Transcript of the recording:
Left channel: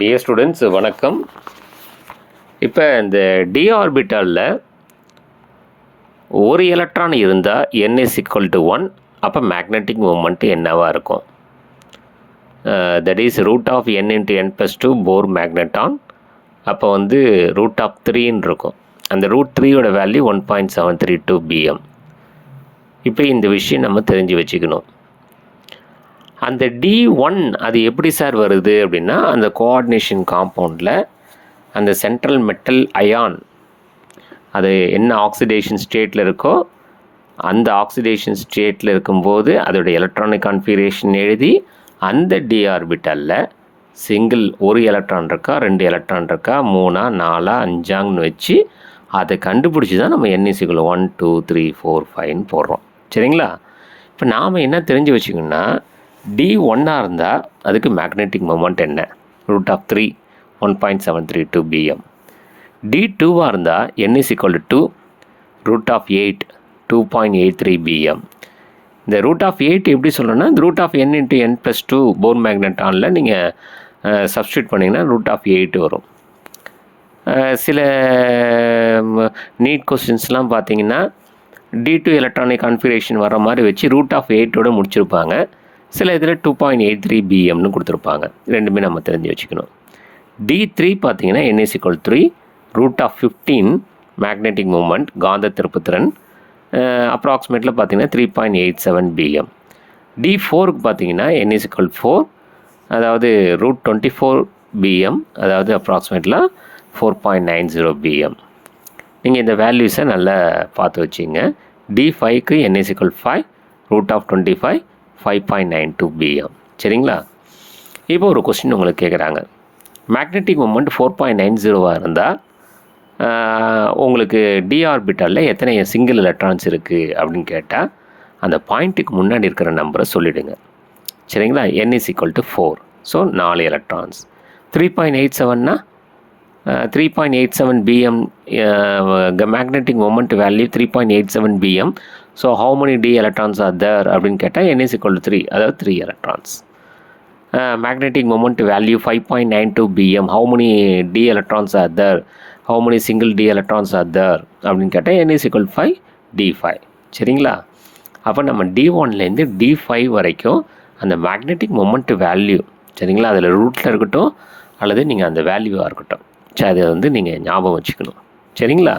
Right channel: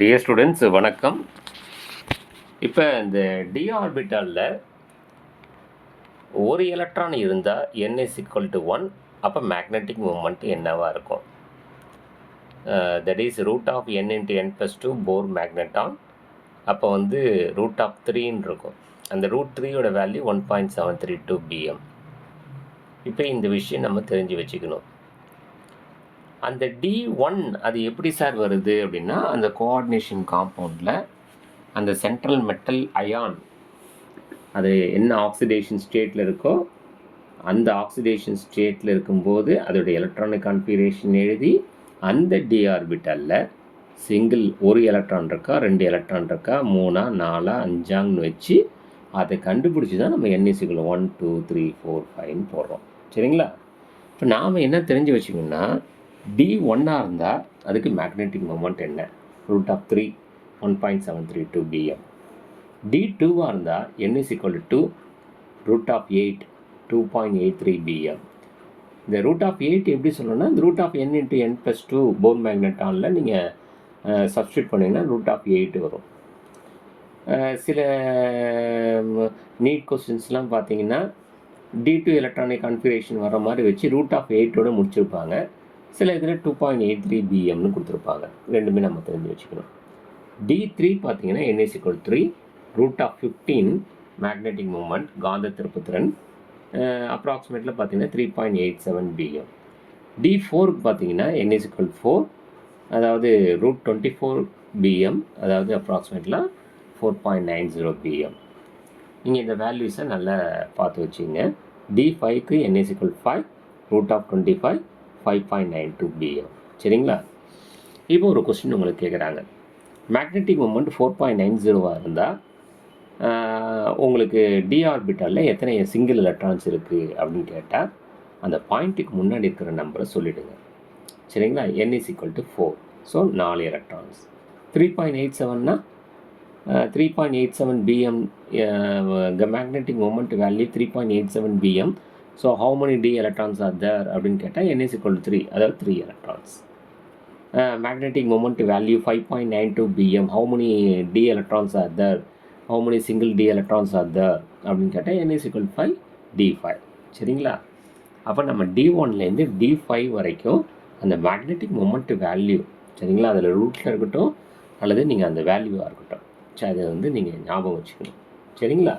Dear students வணக்கம். இப்போ இந்த டி ஆர்பிட்டாலில் ஒரு எலக்ட்ரான் இருந்தால் n is equal to 1, அப்போ மேக்னெட்டிக் மூமெண்ட் என்னவாக இருக்கும்? That is root of n into n plus 2 Bohr magneton. அப்போ வந்து ரூட் ஆஃப் 3ன்னு இருக்கும். அந்த ரூட் 3யோட வேல்யூ 1.732 bm. இப்போ இந்த விஷயம் நம்ம தெரிஞ்சு வச்சுக்கணும். அந்த D1 அது எப்படி சார் வருது அப்படின்னா, அந்த கோஆர்டினேஷன் காம்பவுண்டில் அந்த சென்ட்ரல் மெட்டல் அயான் அது என்ன ஆக்சிடேஷன் ஸ்டேட்டில் இருக்கோ அந்த ஆக்சிடேஷன் ஸ்டேட்டில் இருக்கும்போது அதோடைய எலக்ட்ரானிக் கான்ஃபிகரேஷன் எழுதி அந்த டி ஆர்பிட்டலில் சிங்கிள் ஒரு எலக்ட்ரான் இருக்கா, 2 எலக்ட்ரான் இருக்கா, 3, 4, 5ன்னு வச்சு அதை கண்டுபிடிச்சி தான் நம்ம n is equal to 1, 2, 3, 4, 5ன்னு போடுறோம். சரிங்களா? இப்போ நாம் என்ன தெரிஞ்சு வச்சுக்கணுன்னா, D1 இருந்தால் அதுக்கு மேக்னெட்டிக் மொமெண்ட் என்ன? Root of 3 1.732 bm. D2 இருந்தால் n is equal to 2 root of 8 2.83 bm. இந்த ரூட் ஆஃப் 8 எப்படி சொல்லணும்னா, இந்த root of n into n plus 2 Bohr மேக்னெட்டானில் நீங்கள் சப்ஸ்டியூட் பண்ணிங்கன்னா ரூட் ஆஃப் 8 வரும். சில நீட் கொஸ்டின்ஸ்லாம் பார்த்தீங்கன்னா D2 எலக்ட்ரானிக் கான்ஃபிகரேஷன் வர மாதிரி வச்சு ரூட் ஆஃப் 8ஓடு முடிச்சிருப்பாங்க. சில இதில் 2.83 bmனு கொடுத்துருப்பாங்க. ரெண்டுமே நம்ம தெரிஞ்சு வச்சுக்கணும். D3 பார்த்தீங்கன்னா n is equal to 3 root of 15 magnetic moment காந்த திருப்புத்திறன் அப்ராக்சிமேட்டில் பார்த்தீங்கன்னா 3.87 bm. D4க்கு பார்த்தீங்கன்னா n is equal to 4 அதாவது ரூட் 24 bm அதாவது அப்ராக்சிமேட்டில் 4.90 bm. நீங்கள் இந்த வேல்யூஸை நல்லா பார்த்து வச்சிங்க. D5க்கு n is equal to 5 root of 25 5.92 bm. சரிங்களா? இப்போ ஒரு கொஸ்டின் உங்களுக்கு கேட்குறாங்க, மேக்னெட்டிக் மூமெண்ட் 4.90 இருந்தால் உங்களுக்கு டி ஆர்பிட்டலில் எத்தனை சிங்கிள் எலக்ட்ரான்ஸ் இருக்குது அப்படின்னு கேட்டால் அந்த பாயிண்ட்டுக்கு முன்னாடி இருக்கிற நம்பரை சொல்லிவிடுங்க. சரிங்களா? n is equal to 4. So 4 electrons. 3.87னா 3.87 bm magnetic moment value 3.87 bm. So how many d electrons are there அப்படின்னு கேட்டால் n is equal to 3, அதாவது 3 electrons. Magnetic moment value 5.92 bm, how many d electrons are there, how many single d electrons are there அப்படின்னு கேட்டால் n is equal to 5 d5. சரிங்களா? அப்போ நம்ம D1லேருந்து D5 வரைக்கும் அந்த மேக்னெட்டிக் மூமெண்ட் வேல்யூ, சரிங்களா, அதில் ரூட்டில் இருக்கட்டும் அல்லது நீங்கள் அந்த வேல்யூவாக இருக்கட்டும், சரி அதை வந்து நீங்கள் ஞாபகம் வச்சுக்கணும். சரிங்களா?